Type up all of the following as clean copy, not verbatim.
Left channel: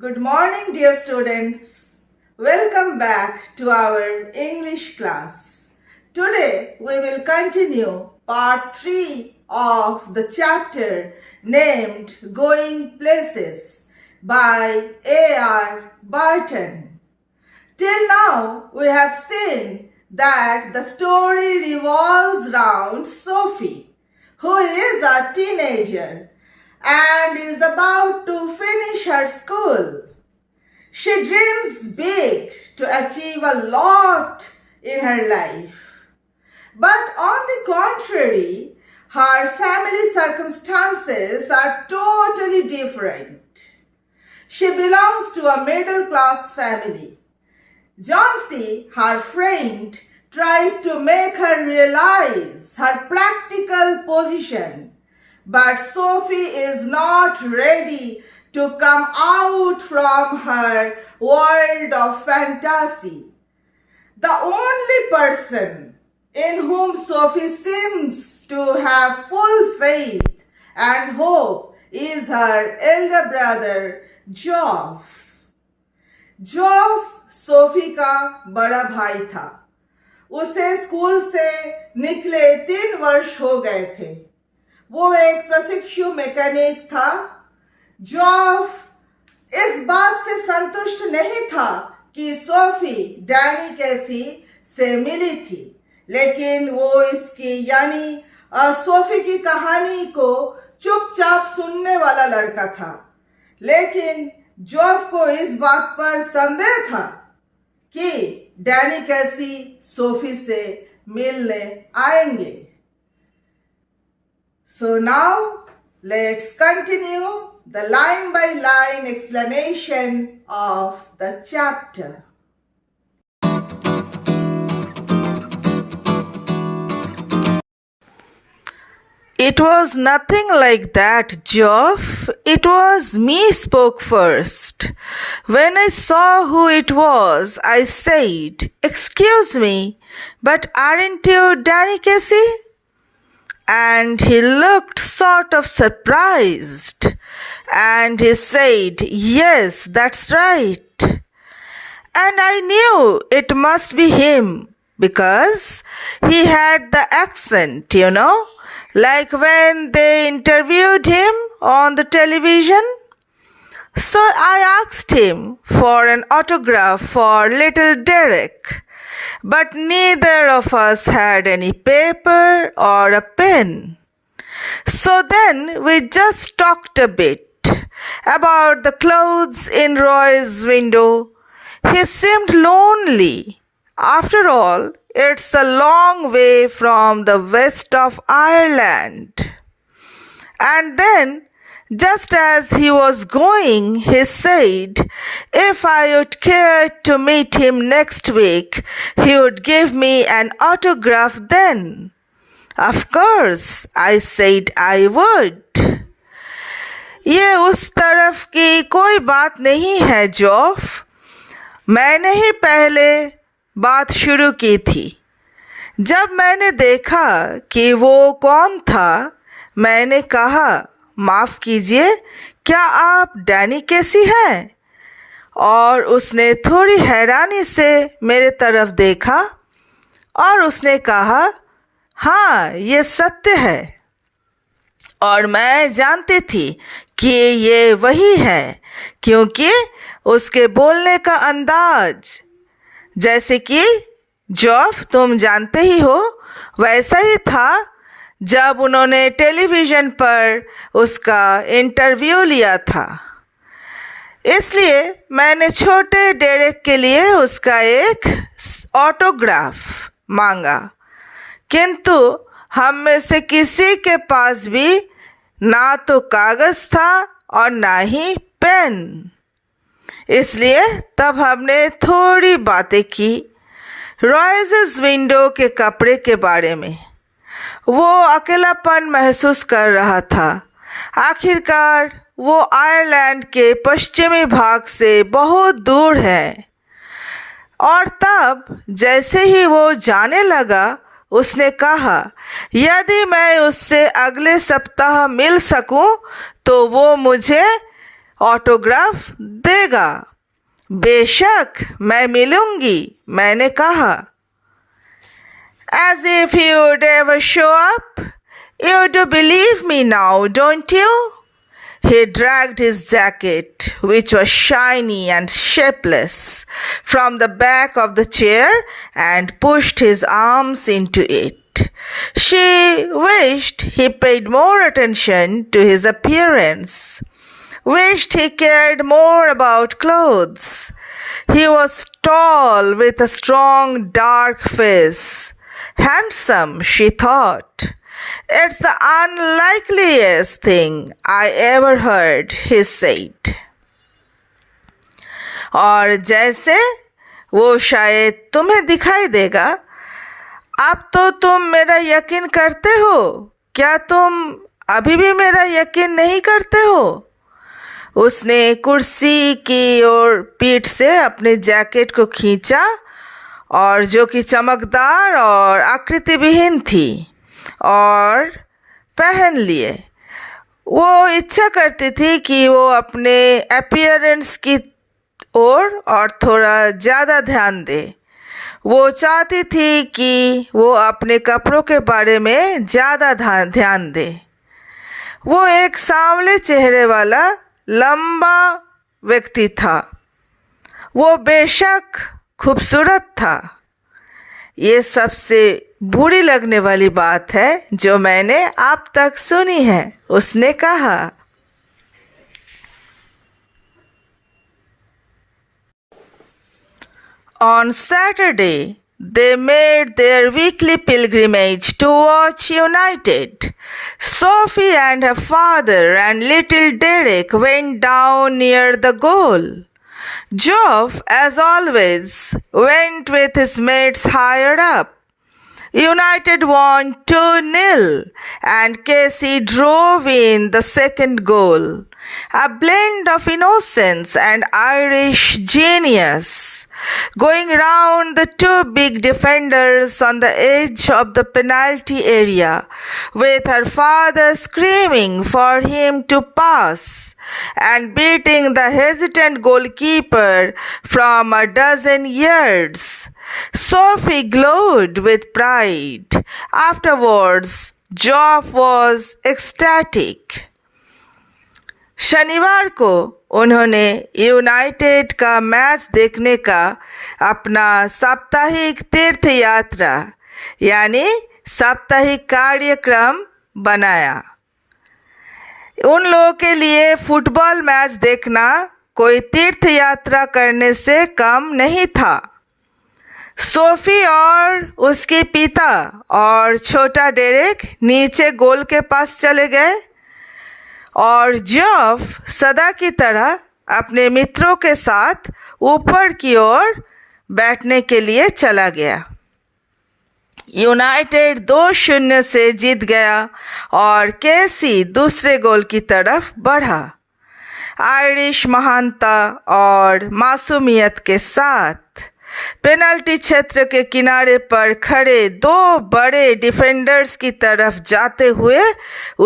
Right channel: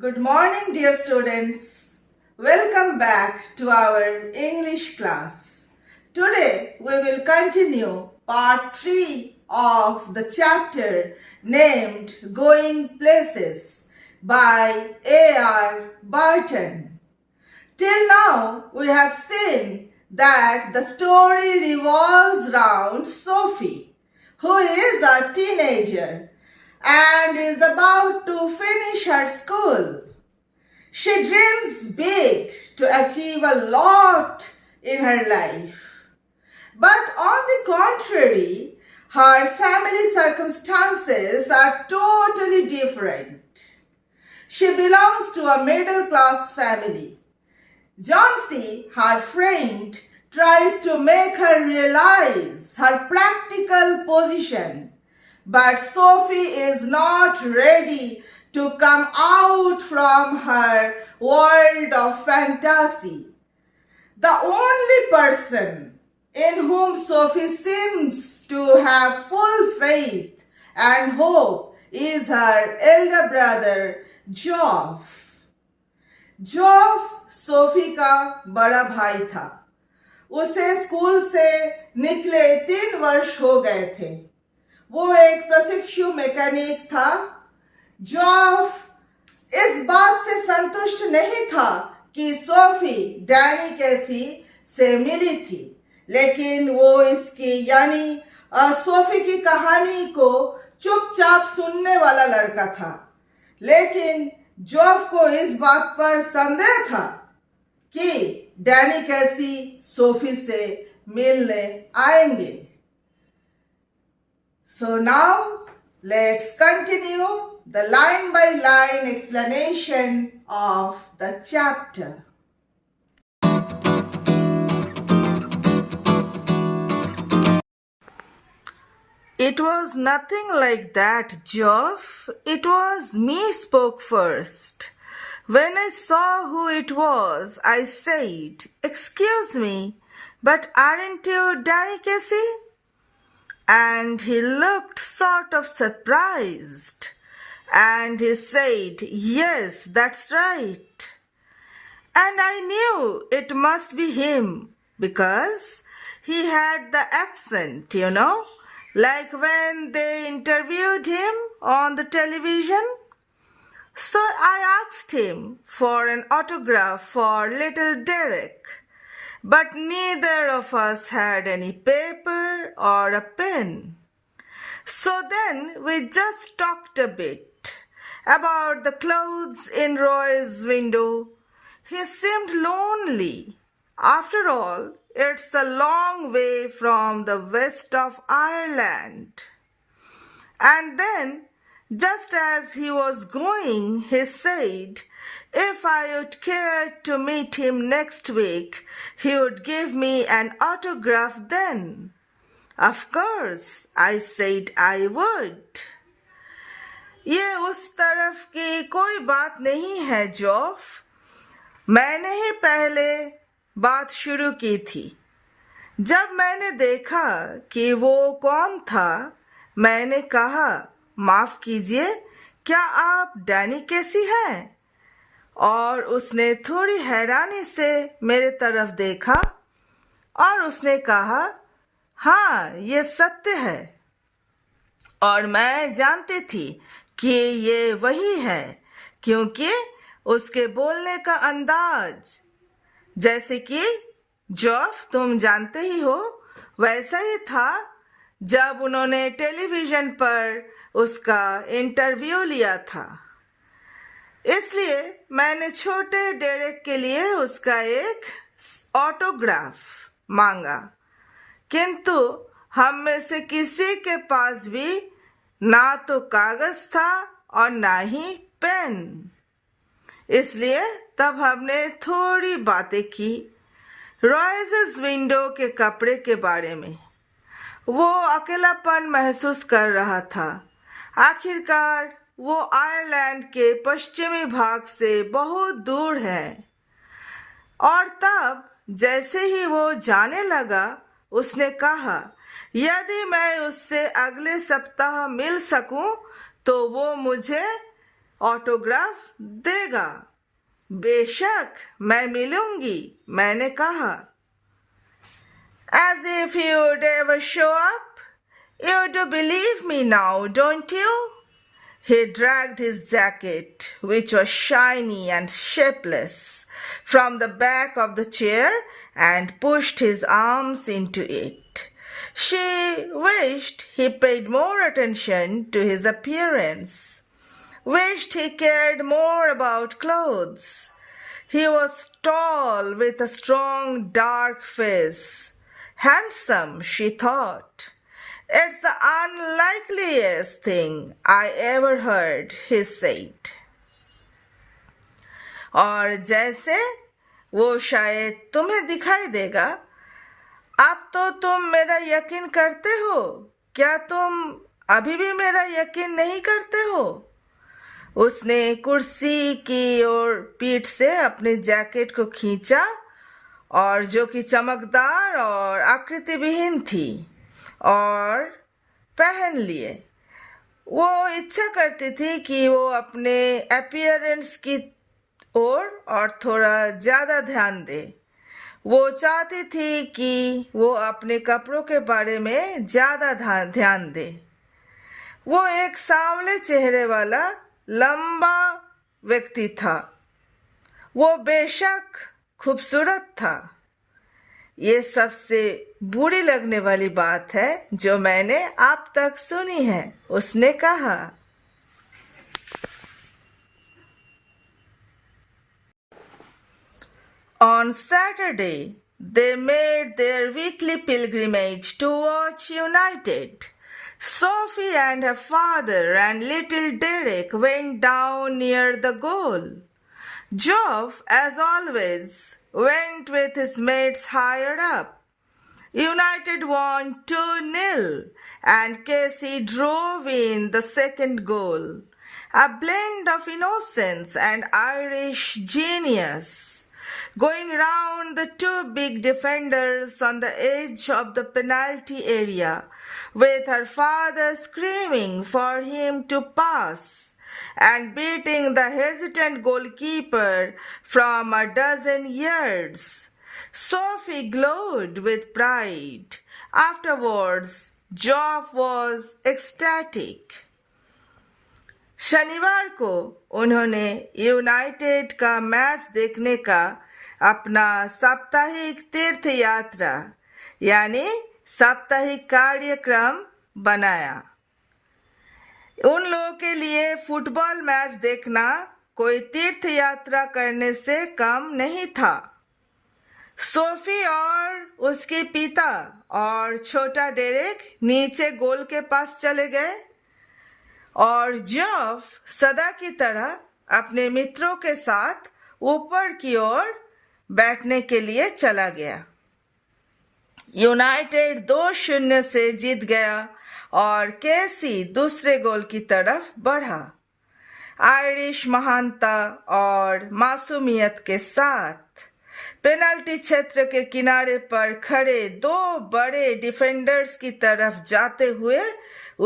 Good morning, dear students. Welcome back to our English class. Today we will continue part 3 of the chapter named Going Places by A.R. Barton. Till now we have seen that the story revolves around Sophie, who is a teenager and is about to finish her school. She dreams big to achieve a lot in her life. But on the contrary, her family circumstances are totally different. She belongs to a middle class family. Johnsy, her friend, tries to make her realize her practical position. But Sophie is not ready to come out from her world of fantasy. The only person in whom Sophie seems to have full faith and hope is her elder brother, Geoff. Geoff Sophie का बड़ा भाई था। उसे school से निकले 3 वर्ष हो गए थे। वो एक प्रशिक्षु मैकेनिक था। जॉफ इस बात से संतुष्ट नहीं था कि सोफी डैनी कैसी से मिली थी, लेकिन वो इसकी यानी सोफी की कहानी को चुपचाप सुनने वाला लड़का था। लेकिन जॉफ को इस बात पर संदेह था कि डैनी कैसी सोफी से मिलने आएंगे। So now let's continue the line by line explanation of the chapter. It was nothing like that, Geoff. It was me spoke first. When I saw who it was, I said, "Excuse me, but aren't you Danny Casey?" And he looked sort of surprised. And he said, "Yes, that's right." And I knew it must be him because he had the accent, like when they interviewed him on the television. So I asked him for an autograph for little Derek, but neither of us had any paper or a pen. So then we just talked a bit about the clothes in Roy's window. He seemed lonely. After all, it's a long way from the west of Ireland. And then, just as he was going, he said, if I would care to meet him next week, he would give me an autograph then. Of course, I said I would. ये उस तरफ की कोई बात नहीं है, जॉफ। मैंने ही पहले बात शुरू की थी। जब मैंने देखा कि वो कौन था, मैंने कहा, माफ़ कीजिए, क्या आप डैनी कैसी हैं? और उसने थोड़ी हैरानी से मेरे तरफ देखा और उसने कहा, हाँ, ये सत्य है। और मैं जानती थी कि ये वही है, क्योंकि उसके बोलने का अंदाज, जैसे कि जॉफ तुम जानते ही हो, वैसा ही था जब उन्होंने टेलीविज़न पर उसका इंटरव्यू लिया था। इसलिए मैंने छोटे डेरेक के लिए उसका एक ऑटोग्राफ मांगा, किंतु हम में से किसी के पास भी ना तो कागज़ था और ना ही पेन। इसलिए तब हमने थोड़ी बातें की रॉयज़ विंडो के कपड़े के बारे में। वो अकेलापन महसूस कर रहा था। आखिरकार वो आयरलैंड के पश्चिमी भाग से बहुत दूर है। और तब जैसे ही वो जाने लगा, उसने कहा, यदि मैं उससे अगले सप्ताह मिल सकूं, तो वो मुझे ऑटोग्राफ देगा? बेशक मैं मिलूंगी, मैंने कहा. As if you'd ever show up. You do believe me now, don't you? He dragged his jacket, which was shiny and shapeless, from the back of the chair and pushed his arms into it. She wished he paid more attention to his appearance, wished he cared more about clothes. He was tall with a strong dark face. Handsome, she thought. It's the unlikeliest thing I ever heard, he said. और जैसे वो शायद तुम्हें दिखाई देगा. अब तो तुम मेरा यकीन करते हो. क्या तुम अभी भी मेरा यकीन नहीं करते हो? उसने कुर्सी की ओर पीठ से अपने जैकेट को खींचा और जो कि चमकदार और आकृति विहीन थी और पहन लिए. वो इच्छा करती थी कि वो अपने अपीयरेंस की ओर और थोड़ा ज़्यादा ध्यान दे. वो चाहती थी कि वो अपने कपड़ों के बारे में ज़्यादा ध्यान दे. वो एक सांवले चेहरे वाला लंबा व्यक्ति था. वो बेशक खूबसूरत था. ये सबसे बुरी लगने वाली बात है जो मैंने अब तक सुनी है, उसने कहा. On Saturday, they made their weekly pilgrimage to watch United. Sophie and her father and little Derek went down near the goal. Geoff, as always, went with his mates higher up. United won 2-0 and Casey drove in the second goal. A blend of innocence and Irish genius. Going round the two big defenders on the edge of the penalty area, with her father screaming for him to pass, and beating the hesitant goalkeeper from a dozen yards. Sophie glowed with pride. Afterwards, Geoff was ecstatic. शनिवार को उन्होंने United का match देखने का अपना साप्ताहिक तीर्थ यात्रा यानी साप्ताहिक कार्यक्रम बनाया. उन लोगों के लिए फुटबॉल मैच देखना कोई तीर्थ यात्रा करने से कम नहीं था. सोफी और उसके पिता और छोटा डेरेक नीचे गोल के पास चले गए और जॉफ सदा की तरह अपने मित्रों के साथ ऊपर की ओर बैठने के लिए चला गया. यूनाइटेड 2-0 से जीत गया और केसी दूसरे गोल की तरफ बढ़ा. आयरिश महानता और मासूमियत के साथ पेनल्टी क्षेत्र के किनारे पर खड़े दो बड़े डिफेंडर्स की तरफ जाते हुए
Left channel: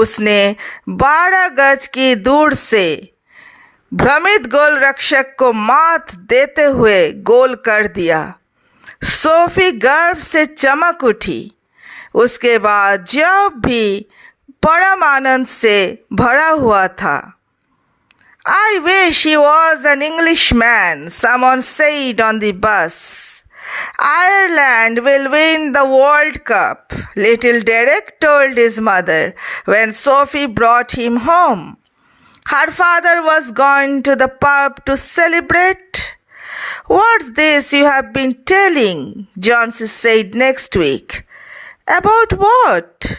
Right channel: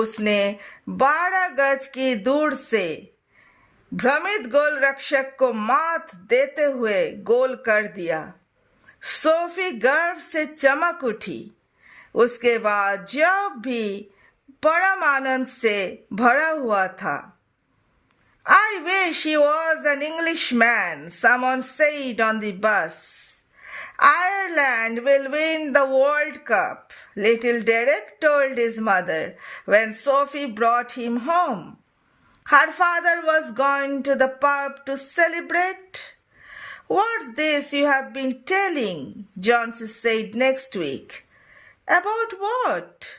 उसने 12 गज की दूर से भ्रमित गोल रक्षक को मात देते हुए गोल कर दिया. सोफी गर्व से चमक उठी. उसके बाद जॉब भी परम आनंद से भरा हुआ था. I wish he was an Englishman, someone said on the bus. Ireland will win the World Cup, little Derek told his mother when Sophie brought him home. Her father was gone to the pub to celebrate. What's this you have been telling? Johnson said next week. About what?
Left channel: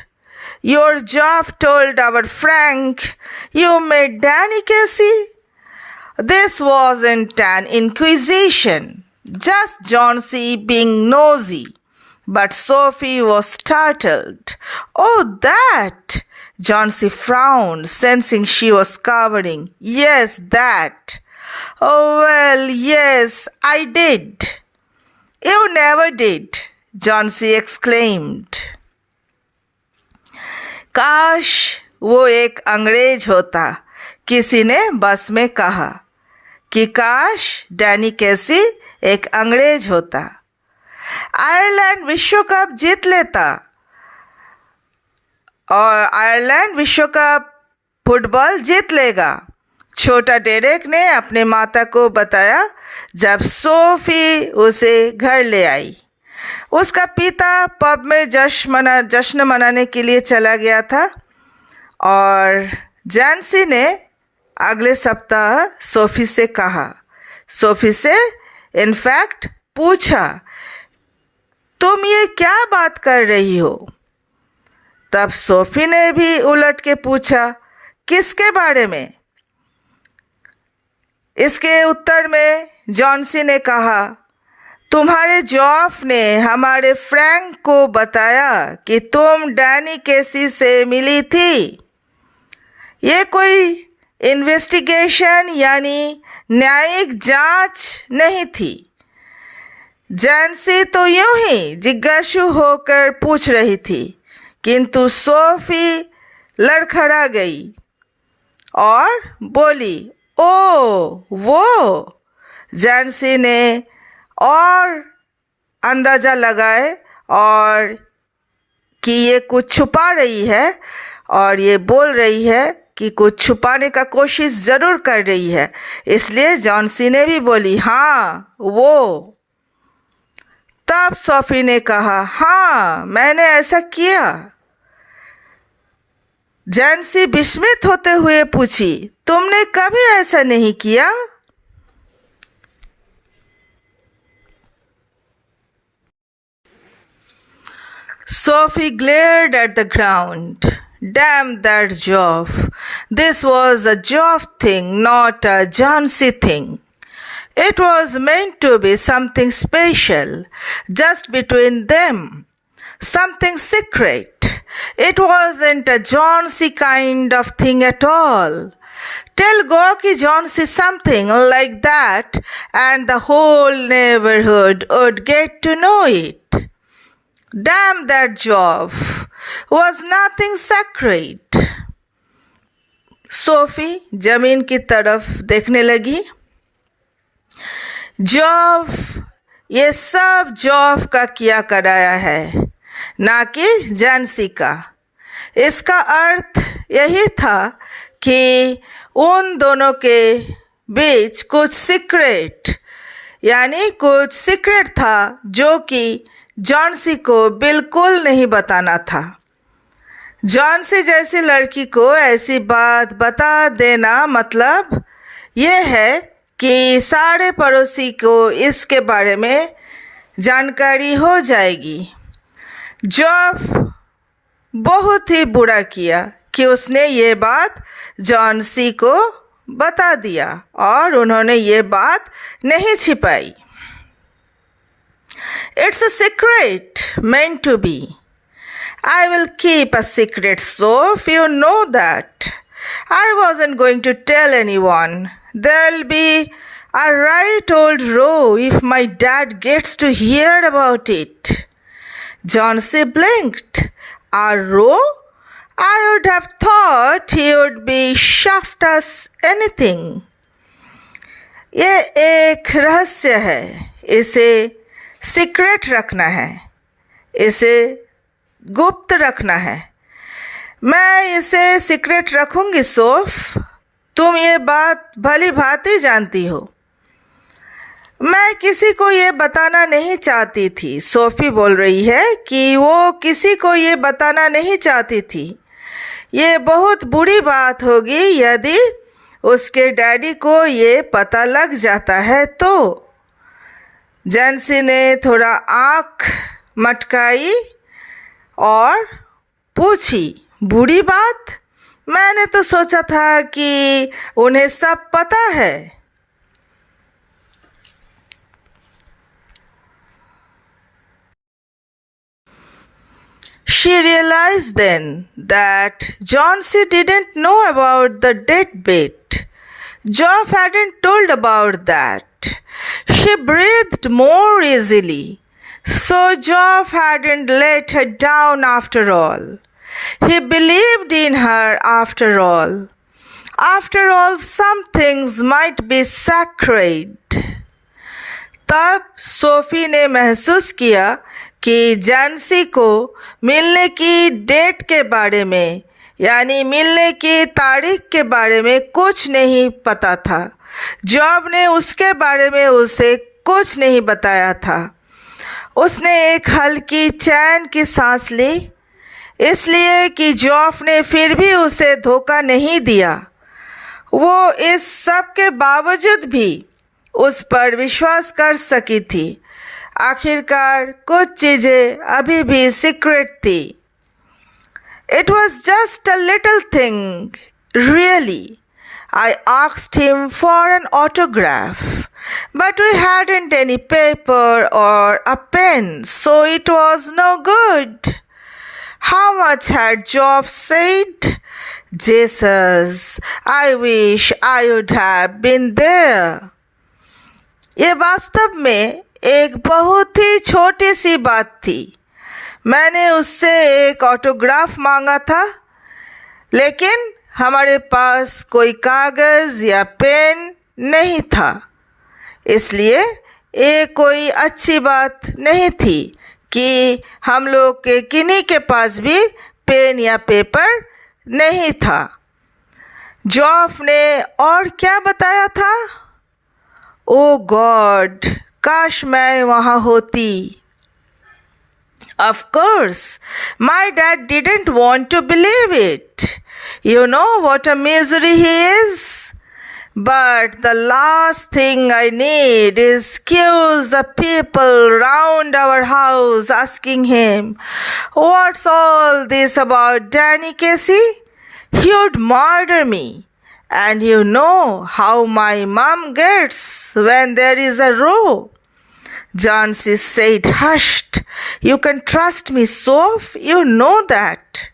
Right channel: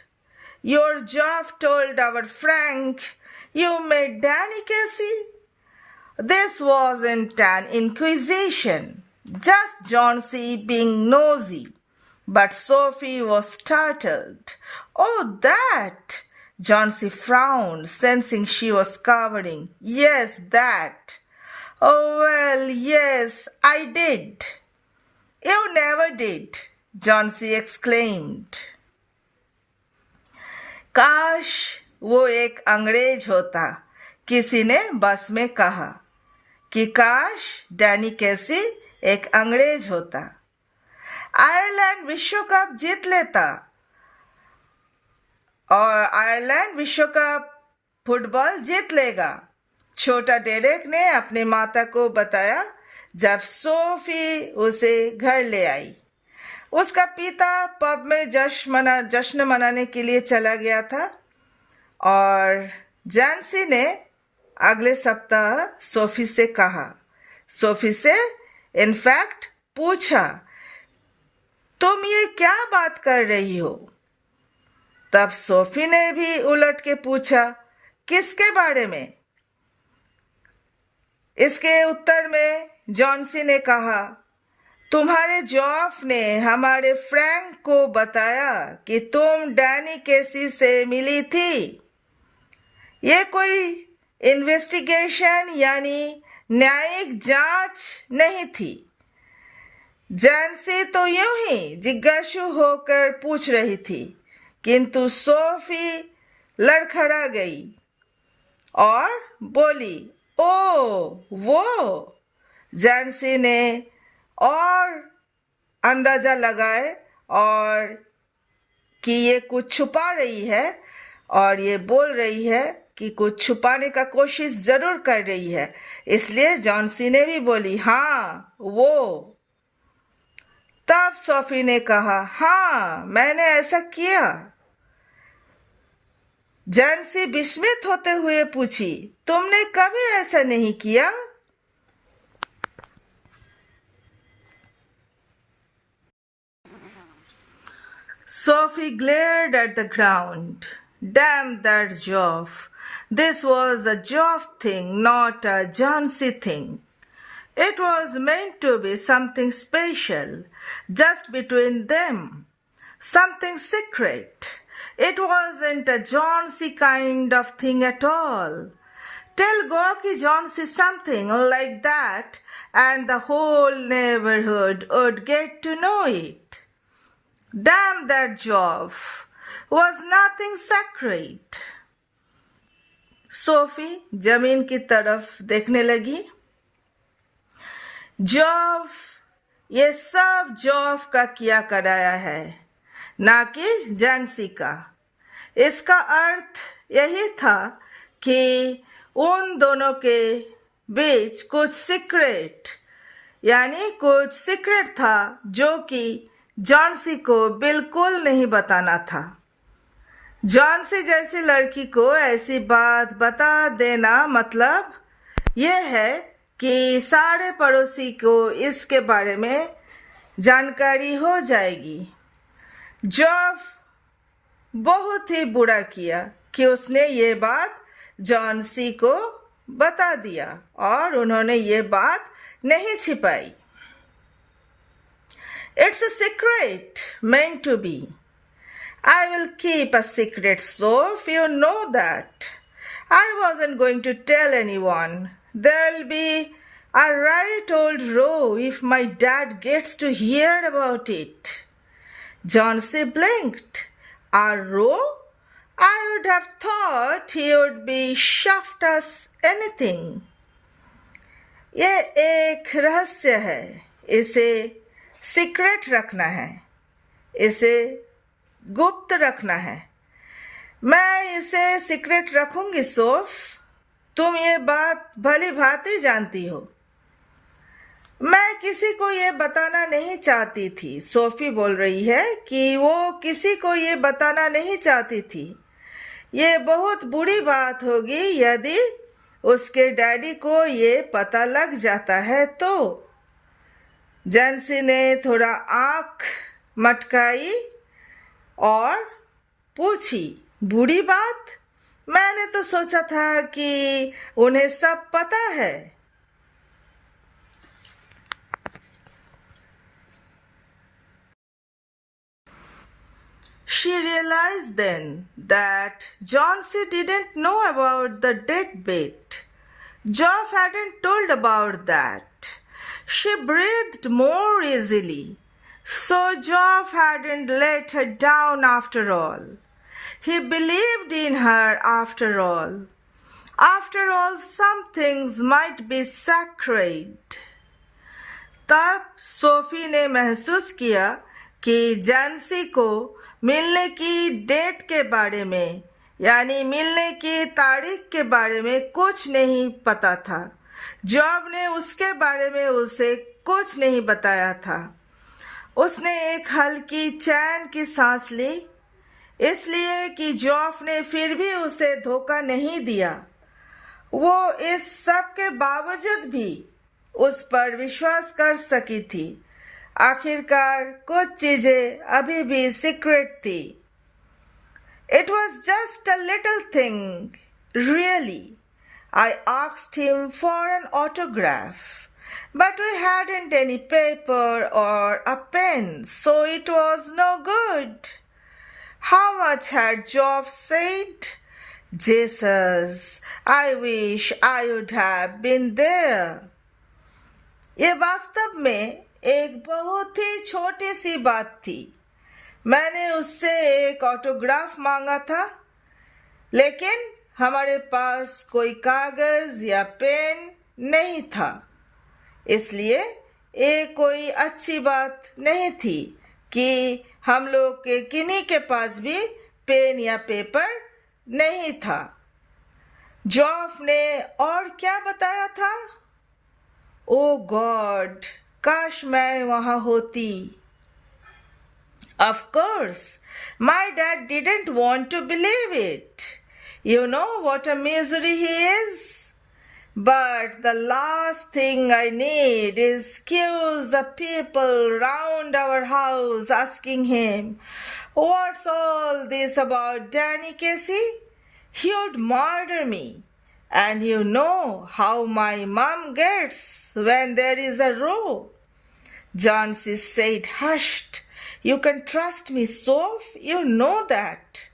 Your Geoff told our Frank you met Danny Casey. This wasn't an inquisition, just Johnsy being nosy. But Sophie was startled. Oh, that! Johnsy frowned, sensing she was cowering. Yes, that. Oh, well, yes, I did. You never did, Johnsy exclaimed. काश वो एक अंग्रेज होता. किसी ने बस में कहा कि काश डैनी कैसी एक अंग्रेज होता, आयरलैंड विश्व कप जीत लेता और आयरलैंड विश्व कप फुटबॉल जीत लेगा। छोटा डेरेक ने अपने माता को बताया जब सोफी उसे घर ले आई। उसका पिता पब में जश्न मनाने के लिए चला गया था और जैंसी ने अगले सप्ताह सोफी से कहा, सोफी से इनफैक्ट पूछा, तुम ये क्या बात कर रही हो? तब सोफी ने भी उलट के पूछा, किसके बारे में? इसके उत्तर में जॉन्सी ने कहा, तुम्हारे जॉफ ने हमारे फ्रैंक को बताया कि तुम डैनी केसी से मिली थी। ये कोई इन्वेस्टिगेशन यानी न्यायिक जांच नहीं थी। जैंसी तो यूं ही जिज्ञासु होकर पूछ रही थी, किंतु सोफी लड़खड़ा गई और बोली, ओ वो। जैंसी ने और अंदाज़ा लगाए और कि ये कुछ छुपा रही है और ये बोल रही है कि कुछ छुपाने का कोशिश ज़रूर कर रही है, इसलिए जॉन्सी ने भी बोली, हाँ वो। तब सोफी ने कहा, हाँ मैंने ऐसा किया। जैंसी विस्मित होते हुए पूछी, तुमने कभी ऐसा नहीं किया? Sophie glared at the ground. Damn that Geoff. This was a Geoff thing, not a Jauncey thing. It was meant to be something special, just between them. Something secret. It wasn't a Jauncey kind of thing at all. Tell Gorky Jauncey something like that, and the whole neighborhood would get to know it. Damn that Geoff was nothing sacred. Sophie जमीन की तरफ देखने लगी। जॉफ, ये सब जॉफ का किया कराया है, ना कि जैंसी का। इसका अर्थ यही था कि उन दोनों के बीच कुछ सीक्रेट यानी कुछ सीक्रेट था जो कि जॉन्सी को बिल्कुल नहीं बताना था। जॉन्सी जैसी लड़की को ऐसी बात बता देना मतलब यह है कि सारे पड़ोसी को इसके बारे में जानकारी हो जाएगी। जॉफ बहुत ही बुरा किया कि उसने ये बात जॉन्सी को बता दिया और उन्होंने ये बात नहीं छिपाई। It's a secret meant to be. I will keep a secret, Soph, you know that. I wasn't going to tell anyone. There'll be a right old row if my dad gets to hear about it. Jauncey blinked. A row? I would have thought he would be shaft us anything. ये एक रहस्य है, इसे secret रखना है, इसे गुप्त रखना है। मैं इसे सीक्रेट रखूंगी सोफ, तुम ये बात भली भांति जानती हो। मैं किसी को ये बताना नहीं चाहती थी। सोफी बोल रही है कि वो किसी को ये बताना नहीं चाहती थी। ये बहुत बुरी बात होगी यदि उसके डैडी को ये पता लग जाता है तो। जैंसी ने थोड़ा आँख मटकाई और पूछी, बुरी बात? मैंने तो सोचा था कि उन्हें सब पता है। She realized then that Jauncey didn't know about the deadbeat. Geoff hadn't told about that. She breathed more easily. So Geoff hadn't let her down after all. He believed in her after all. After all, some things might be sacred. तब Sophie ने महसूस किया कि जैन्सी को मिलने की date के बारे में यानी मिलने की तारीख के बारे में कुछ नहीं पता था। जॉब ने उसके बारे में उसे कुछ नहीं बताया था। उसने एक हल्की चैन की सांस ली, इसलिए कि जॉब ने फिर भी उसे धोखा नहीं दिया। वो इस सब के बावजूद भी उस पर विश्वास कर सकी थी। आखिरकार कुछ चीज़ें अभी भी सीक्रेट थी। It was just a little thing, really. I asked him for an autograph, but we hadn't any paper or a pen, so it was no good. How much had Job said? Jesus, I wish I would have been there. ये वास्तव में एक बहुत ही छोटी सी बात थी। मैंने उससे एक ऑटोग्राफ मांगा था, लेकिन हमारे पास कोई कागज़ या पेन नहीं था, इसलिए ये कोई अच्छी बात नहीं थी कि हम लोग के किन्हीं के पास भी पेन या पेपर नहीं था। जॉफ ने और क्या बताया था? ओ गॉड, काश मैं वहाँ होती। Of course, my dad didn't want to believe it. You know what a misery he is? But the last thing I need is queues of people round our house asking him, "What's all this about Danny Casey? He'd murder me. And you know how my mom gets when there is a row." Jansi said, "Hushed. You can trust me, Soph. You know that."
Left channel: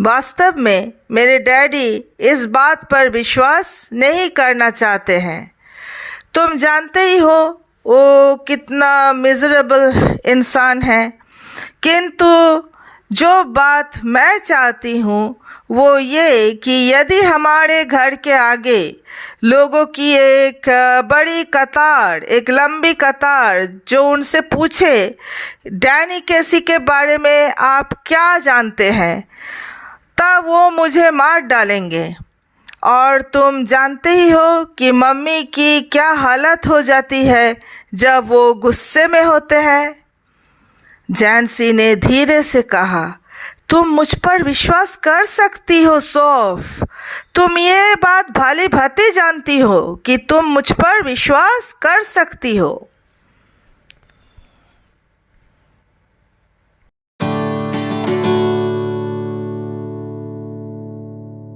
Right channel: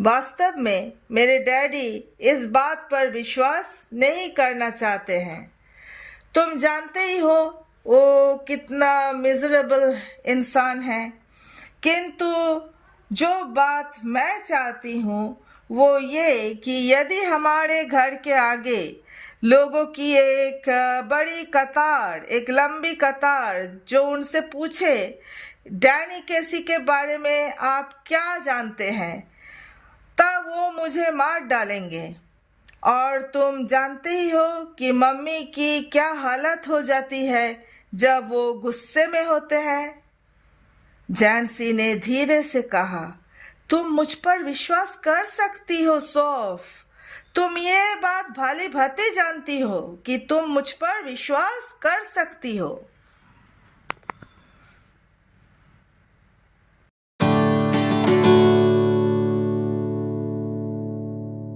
वास्तव में मेरे daddy इस बात पर विश्वास नहीं करना चाहते हैं। तुम जानते ही हो वो कितना मिजरेबल इंसान है। किंतु जो बात मैं चाहती हूँ वो ये कि यदि हमारे घर के आगे लोगों की एक बड़ी कतार, एक लंबी कतार जो उनसे पूछे डैनी केसी के बारे में आप क्या जानते हैं, तब वो मुझे मार डालेंगे। और तुम जानते ही हो कि मम्मी की क्या हालत हो जाती है जब वो गुस्से में होते हैं। जैन्सी ने धीरे से कहा, तुम मुझ पर विश्वास कर सकती हो सौफ। तुम ये बात भली भांति जानती हो कि तुम मुझ पर विश्वास कर सकती हो।